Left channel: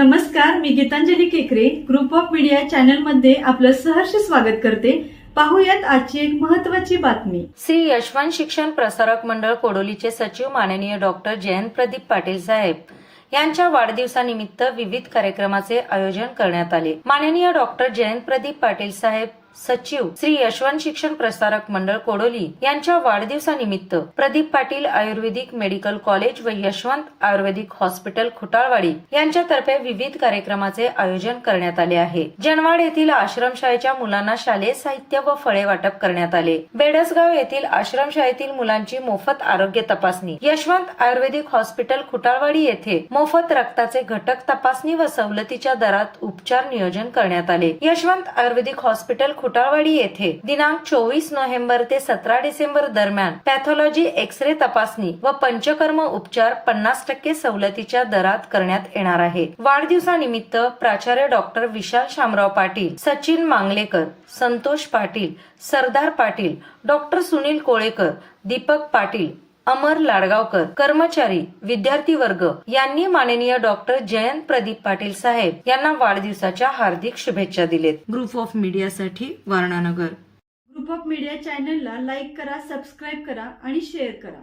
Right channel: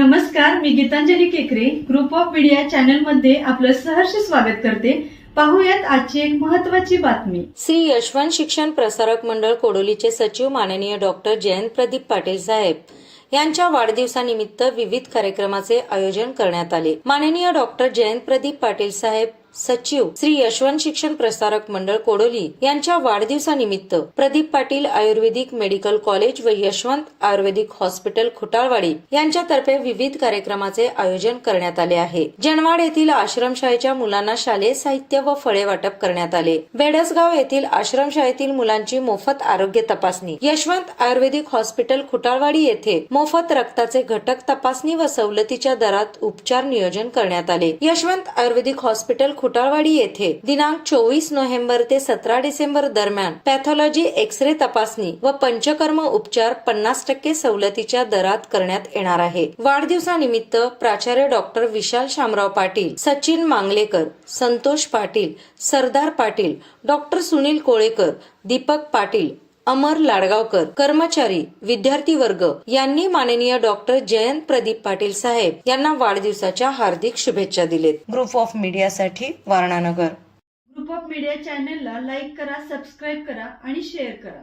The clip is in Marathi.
नमस्कार, मी गीतांजली केकरे ग्रुप ऑफ मीडिया चॅनल मध्ये आपलं सहर्ष स्वागत करते। पाहूयात आजची एक महत्त्वाची बातमी। श्री यशवंत शिक्षण प्रसारक मंडळ कोडोलीचे सचिव माननीय डॉक्टर जयंत प्रदीप पाटील साहेब यांच्या वाढदिवसानिमित्त विविध कार्यक्रमाचे आयोजन करण्यात आले। माननीय डॉक्टर जयंत प्रदीप पाटील साहेब सचिव श्री यशवंत शिक्षण प्रसारक मंडळ कोडोली यांच्या वाढदिवसानिमित्त प्रदीप पाटील आयुर्वेदिक मेडिकल कॉलेज व यशवंत आयुर्वेदिक हॉस्पिटल खुटाळवाडी यांच्यातर्फे विविध कार्यक्रमाचे आयोजन करण्यात आले आहे। जनवाड येथील आश्रमशाळेच्या मुलांना शालेय साहित्य व फळे वाटप करण्यात आले। बेडसगाव येथील आश्रमशाळेतील मुलांची मोफत आरोग्य तपासणी, यशवंत आयुर्वेदिक हॉस्पिटल खुटाळवाडी येथे मोफत रक्ताचे घटक तपासणी व सवलतीच्या दरात उपचार नियोजन करण्यात आले। यशवंत आयुर्वेदिक हॉस्पिटल खुटाळवाडी येथे दिनांक 24 नोव्हेंबर ते 17 डिसेंबर दरम्यान पॅथॉलॉजी एक्स-रे तपासणी व पंचकर्म उपचार 50% सवलतीच्या दरात करण्यात येणार आहे। वाढदिवसानिमित्त प्राचार्य डॉक्टर विशाल शामराव पाटील, सचिन मांगलेकर, संतोष पाटील, सरदार पाटील, डॉक्टर सुनील कोळेकर, दीपक पाटील, अमर लाडगावकर, कर्मचारी, विद्यार्थी वर्ग यांनी माननीय डॉक्टर जयंत प्रदीप पाटील साहेब यांना वाढदिवसाच्या हार्दिक शुभेच्छा दिलेत। ग्रुप ऑफ मीडियासाठी वारणानगर। ग्रुप ऑफ मीडिया चॅनलला लाईक करा, सबस्क्राईब करा आणि शेअर करा।